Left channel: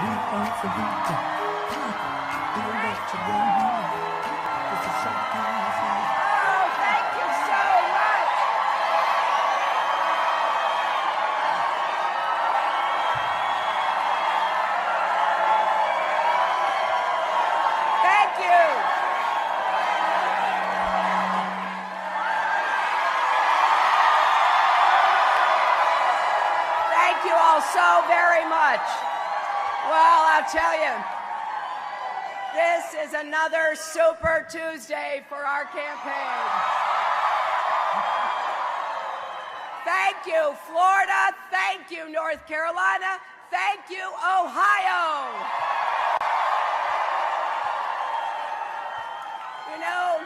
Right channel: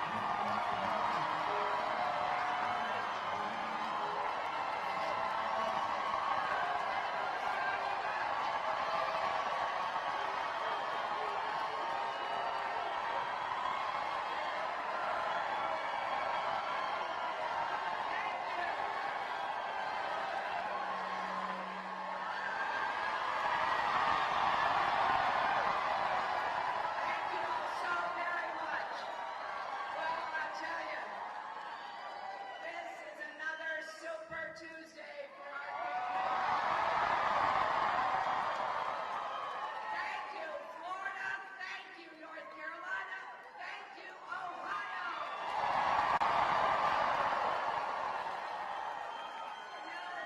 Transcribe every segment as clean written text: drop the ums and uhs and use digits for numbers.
We are for you. Come on. We are not to run. It's a shot. Oh, thank you so much. Thank you. Thank you all so very much. Well, I'll tell you, this is another Super Tuesday for our campaign. Thank you, Florida. Thank you, North Carolina. Thank you, Ohio. You know,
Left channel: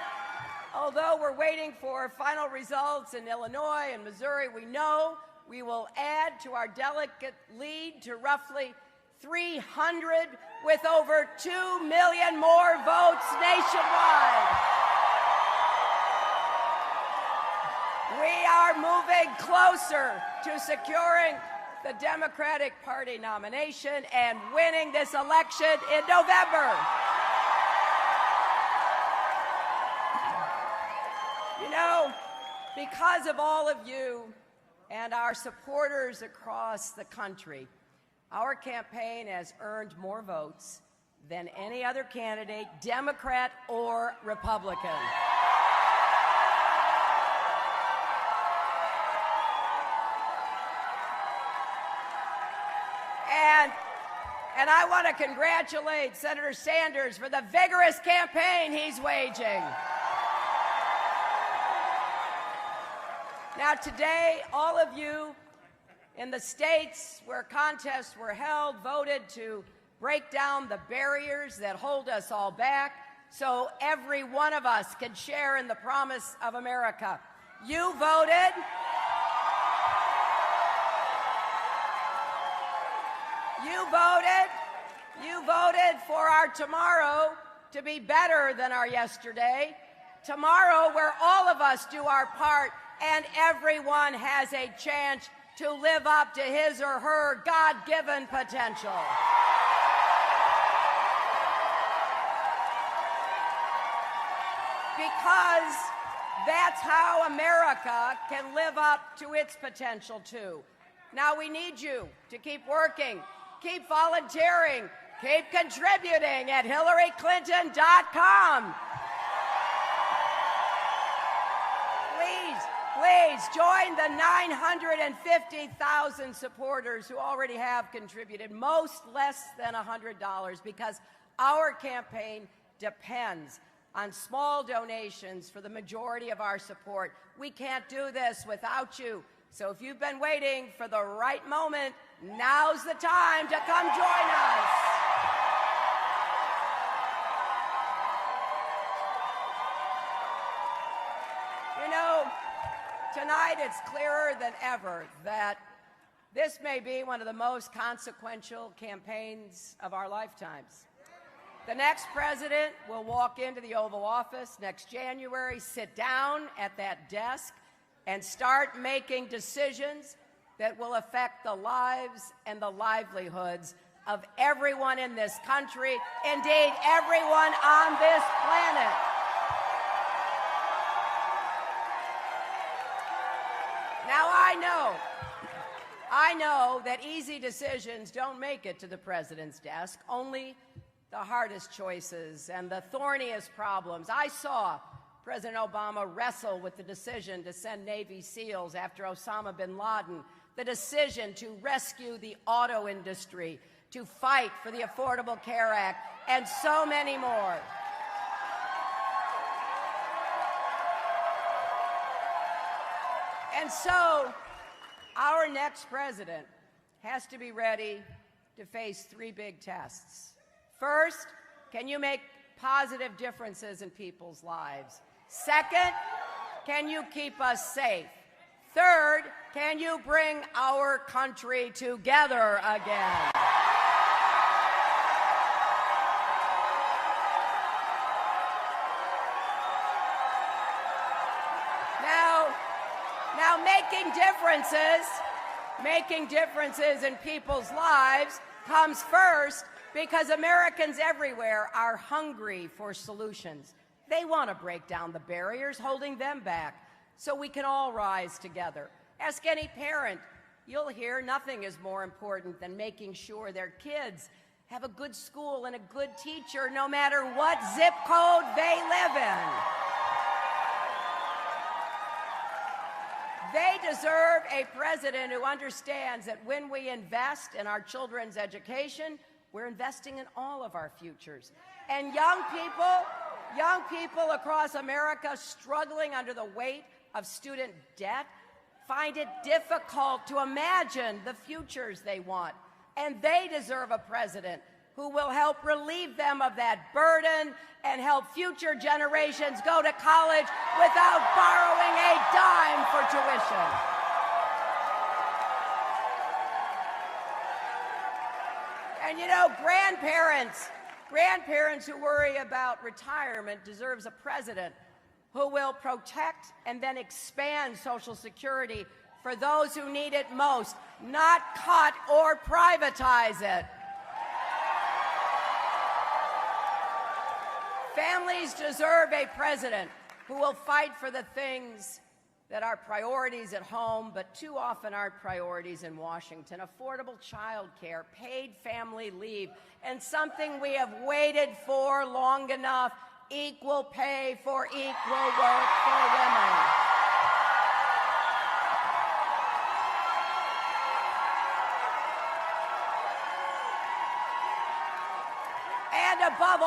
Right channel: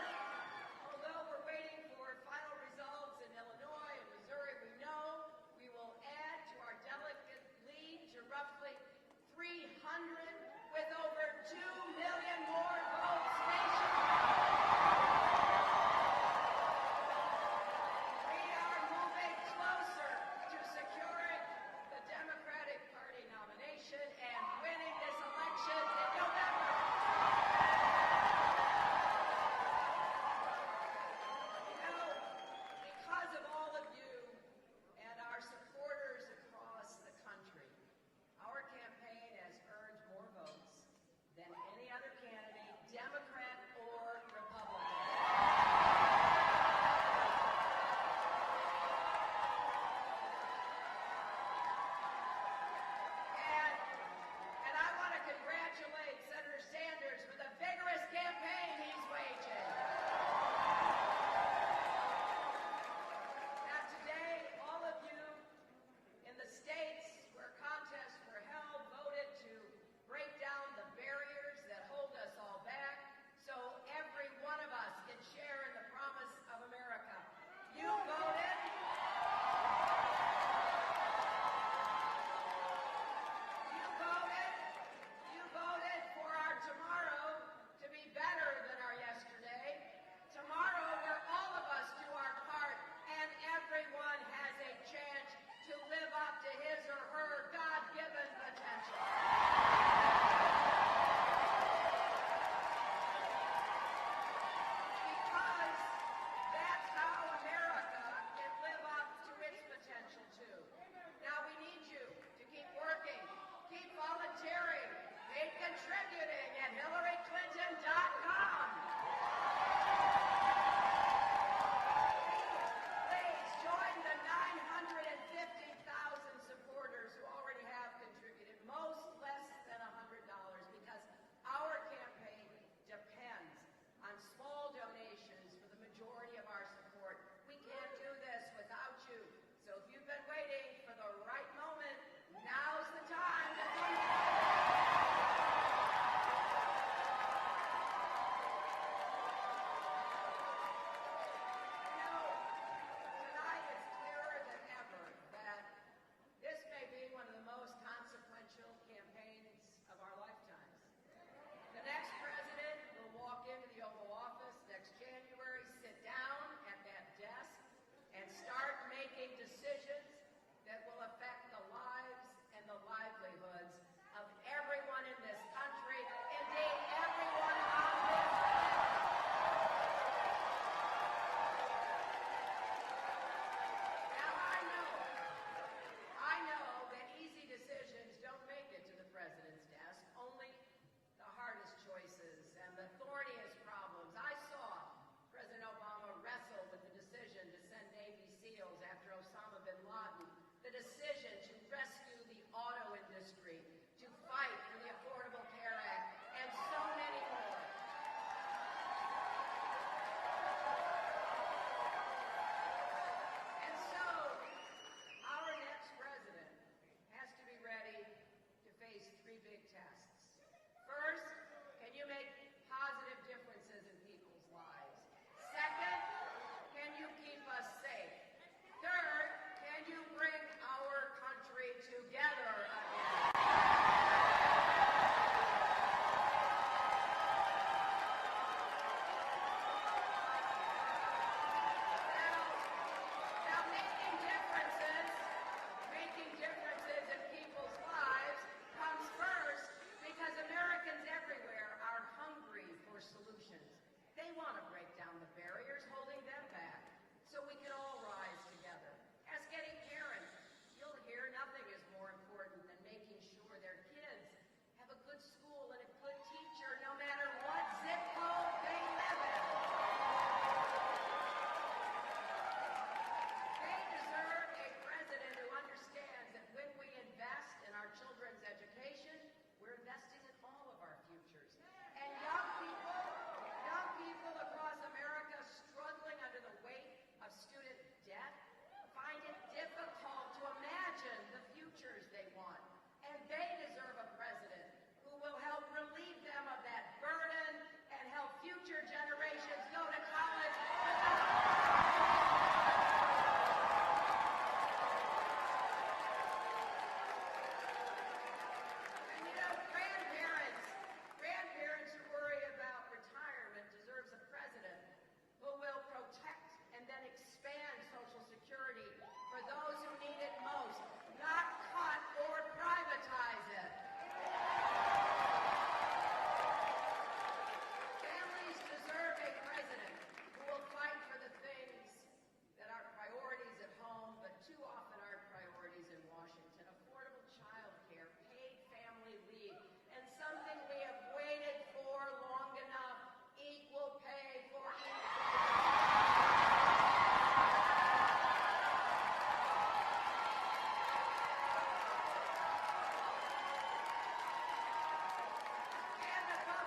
although we're waiting for final results in Illinois and Missouri, we know we will add to our delegate lead to roughly 300 with over 2 million more votes nationwide. We are moving closer to securing the Democratic Party nomination and winning this election in November. You know, because of all of you and our supporters across the country, our campaign has earned more votes than any other candidate, Democrat or Republican. And I want to congratulate Senator Sanders for the vigorous campaign he's waging. Now today, all of you in the states where contests were held voted to break down the barriers that hold us all back so every one of us can share in the promise of America. You voted. You voted for our tomorrow to be better than our yesterday. Tomorrow where all of us do our part and everyone has a chance to live up to his or her God-given potential. Because that's how America can live up to its potential too. Now we need you to keep working, keep volunteering, keep contributing at HillaryClinton.com. Please join the 950,000 supporters who already have contributed, most less than $100, because our campaign depends on small donations for the majority of our support. We can't do this without you. So if you've been waiting for the right moment, now's the time to come join us. You know, tonight it's clearer than ever that this may be one of the most consequential campaigns of our lifetimes. The next president will walk into the Oval Office next January, sit down at that desk, and start making decisions that will affect the lives and the livelihoods of everyone in this country, indeed everyone on this planet. Now I know that easy decisions don't make it to the president's desk, only the hardest choices and the thorniest problems. I saw President Obama wrestle with the decision to send Navy SEALs after Osama bin Laden, the decision to rescue the auto industry, to fight for the Affordable Care Act, and so many more. And so, our next president has to be ready to face three big tests. First, can you make positive differences in people's lives? Second, can you keep us safe? Third, can you bring our country together again? Now making differences in people's lives comes first because Americans everywhere are hungry for solutions. They want to break down the barriers holding them back so we can all rise together. Ask any parent. You'll hear nothing is more important than making sure their kids have a good school and a good teacher no matter what zip code they live in. They deserve a president who understands that when we invest in our children's education, we're investing in all of our futures. And young people across America struggling under the weight of student debt find it difficult to imagine the futures they want. And they deserve a president who will help relieve them of that burden and help future generations go to college without borrowing a dime for tuition. And you know, grandparents who worry about retirement deserves a president who will protect and then expand Social Security for those who need it most, not cut or privatize it. Families deserve a president who will fight for the things that are priorities at home, but too often aren't priorities in Washington. Affordable child care, paid family leave, and something we have waited for long enough, equal pay for equal work for women. And above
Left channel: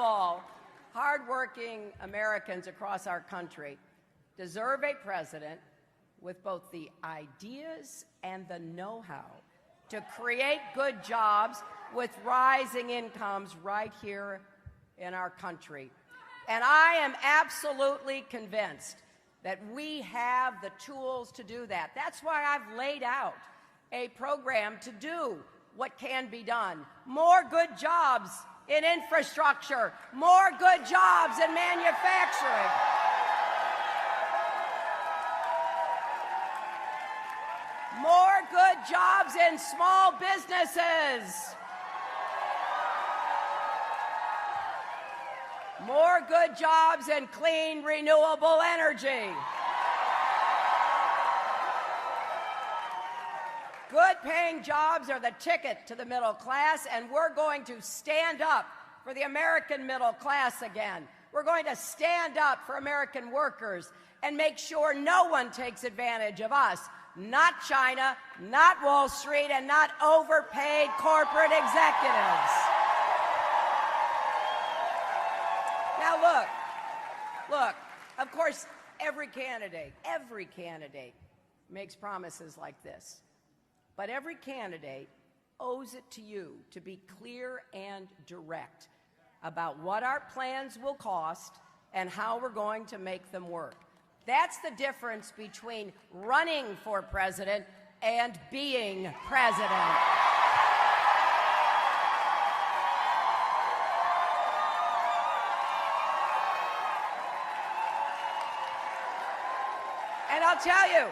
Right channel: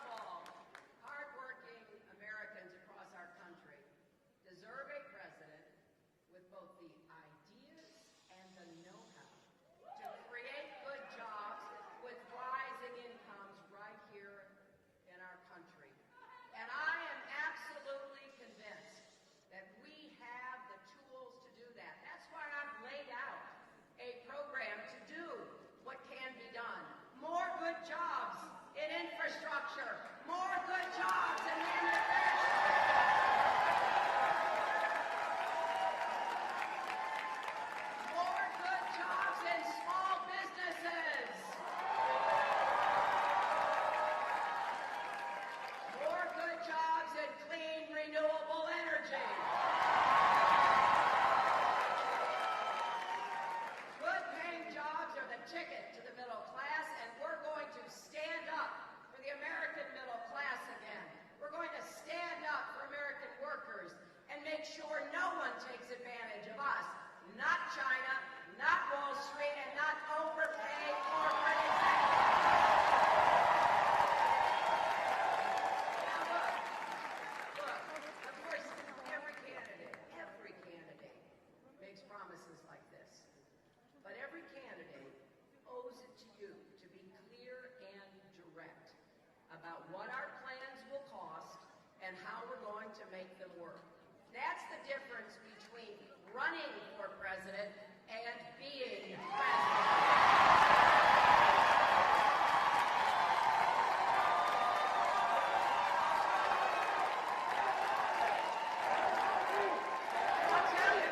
all, hardworking Americans across our country deserve a president with both the ideas and the know-how to create good jobs with rising incomes right here in our country. And I am absolutely convinced that we have the tools to do that. That's why I've laid out a program to do what can be done. More good jobs in infrastructure, more good jobs in manufacturing. More good jobs in small businesses. More good jobs in clean, renewable energy. Good-paying jobs are the ticket to the middle class, and we're going to stand up for the American middle class again. We're going to stand up for American workers and make sure no one takes advantage of us. Not China, not Wall Street, and not overpaid corporate executives. Now look, of course, every candidate makes promises like this. But every candidate owes it to you to be clear and direct about what our plans will cost and how we're going to make them work. That's the difference between running for president and being president. And I'll tell you,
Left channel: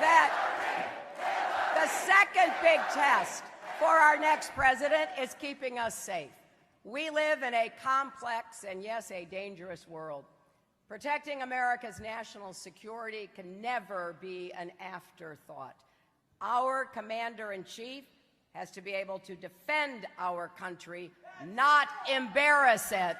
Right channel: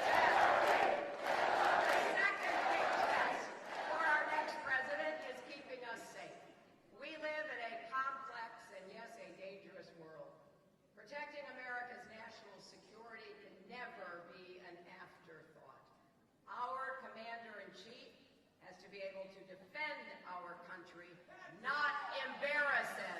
that the second big test for our next president is keeping us safe. We live in a complex and, yes, a dangerous world. Protecting America's national security can never be an afterthought. Our commander-in-chief has to be able to defend our country, not embarrass it.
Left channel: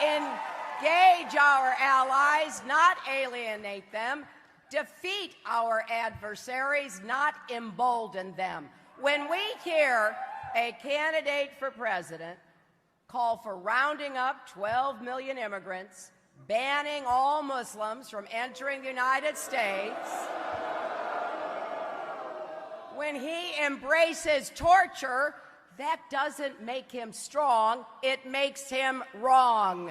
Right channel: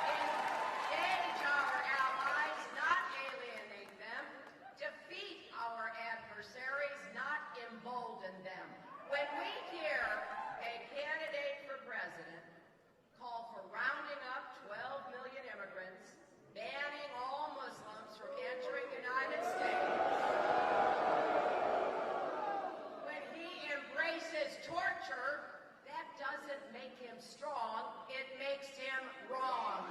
Engage our allies, not alienate them. Defeat our adversaries, not embolden them. When we hear a candidate for president call for rounding up 12 million immigrants, banning all Muslims from entering the United States, when he embraces torture, that doesn't make him strong, it makes him wrong.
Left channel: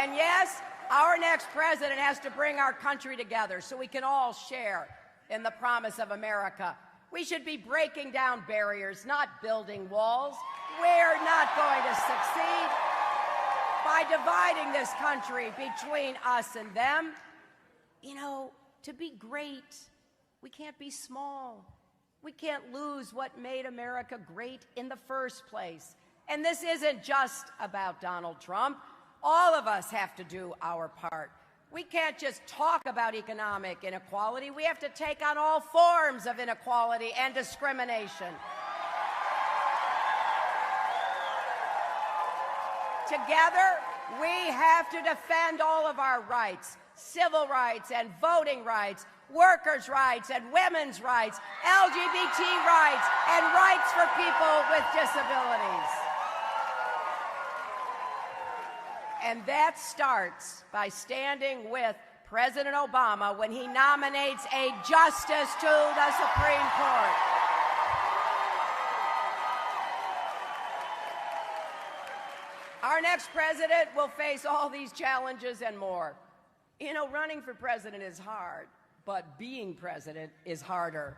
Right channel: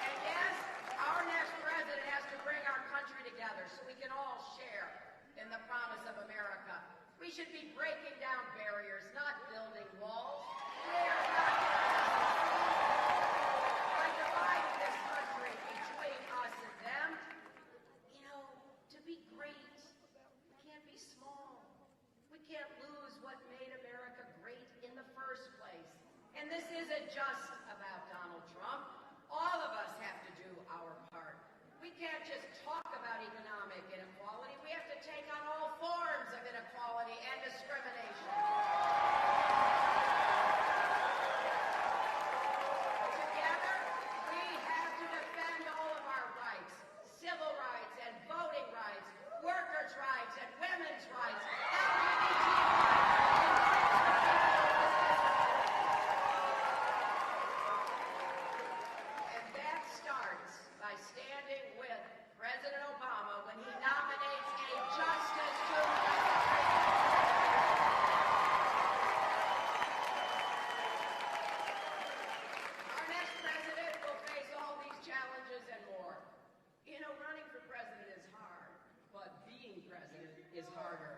And yes, our next president has to bring our country together so we can all share in the promise of America. We should be breaking down barriers, not building walls. We're not going to succeed by dividing this country between us and them. You know, to be great, we can't be small. We can't lose what made America great in the first place. And this isn't just about Donald Trump. All of us have to do our part. We can't just talk about economic inequality. We have to take on all forms of inequality and discrimination. Together, we have to defend all of our rights, civil rights and voting rights, workers' rights and women's rights, LGBT rights, and rights for people with disabilities. And that starts by standing with President Obama when he nominates a justice to the Supreme Court. Our next president will face all these challenges and more. You know, running for president is hard, but being president is harder.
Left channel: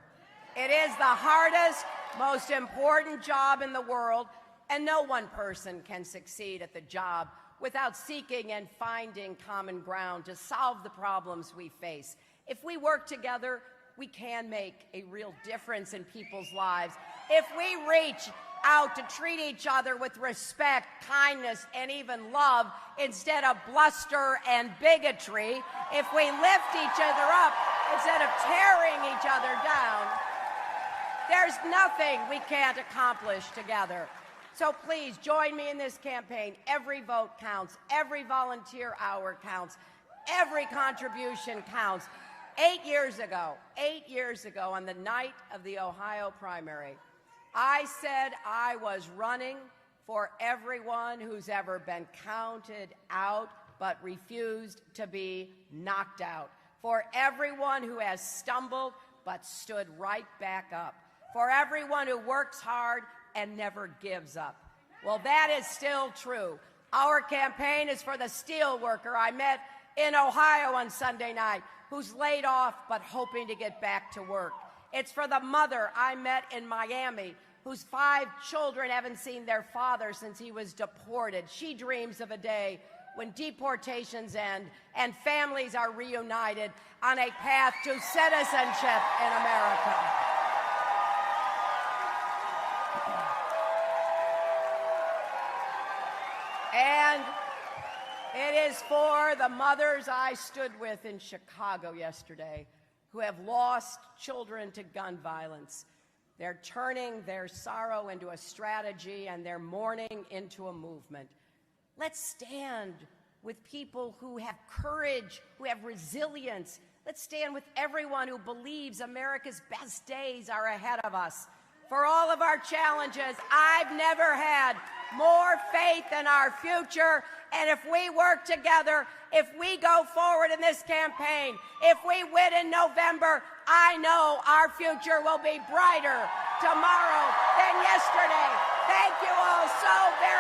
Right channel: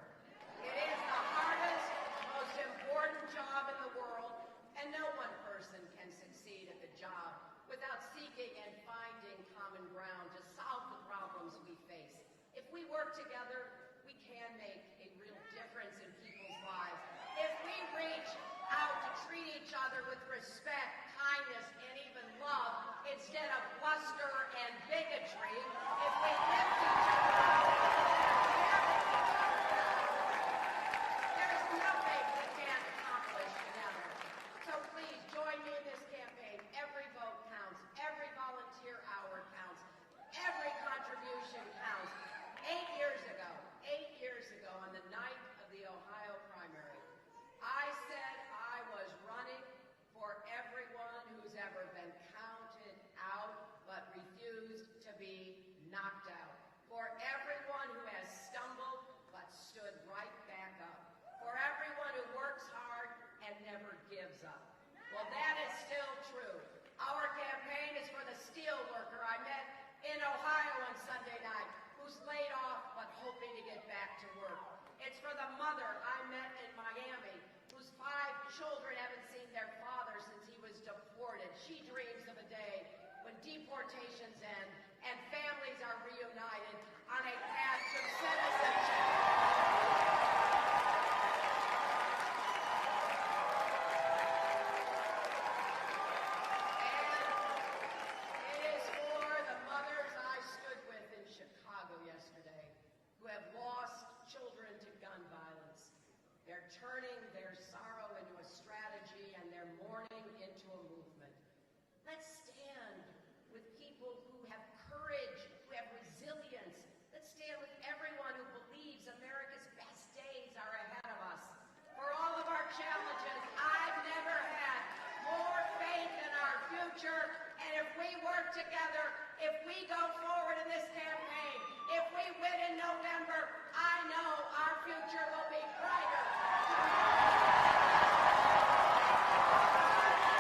It is the hardest, most important job in the world, and no one person can succeed at the job without seeking and finding common ground to solve the problems we face. If we work together, we can make a real difference in people's lives. If we reach out to treat each other with respect, kindness, and even love instead of bluster and bigotry, if we lift each other up instead of tearing each other down, there's nothing we can't accomplish together. So please join me in this campaign. Every vote counts. Every volunteer hour counts. Every contribution counts. 8 years ago, on the night of the Ohio primary, I said I was running for everyone who's ever been counted out but refused to be knocked out, for everyone who has stumbled but stood right back up, for everyone who works hard and never gives up. Well, that is still true. Our campaign is for the steel worker I met in Ohio on Sunday night, who's laid off but hoping to get back to work. It's for the mother I met in Miami, whose 5 children haven't seen their father since he was deported. She dreams of a day when deportations end and families are reunited on a path to citizenship in America. And it is for the mothers I stood with in Chicago yesterday who have lost children to gun violence. They're turning their sorrow into a strategy and their mourning into a movement. Let's stand with people who have courage, who have resilience. Let's stand with everyone who believes America's best days are ahead of us. For all of our challenges, I've never had more faith in our future. And if we work together, if we go forward in this campaign, if we win in November, I know our future will be brighter tomorrow than yesterday. Thank you all so very much.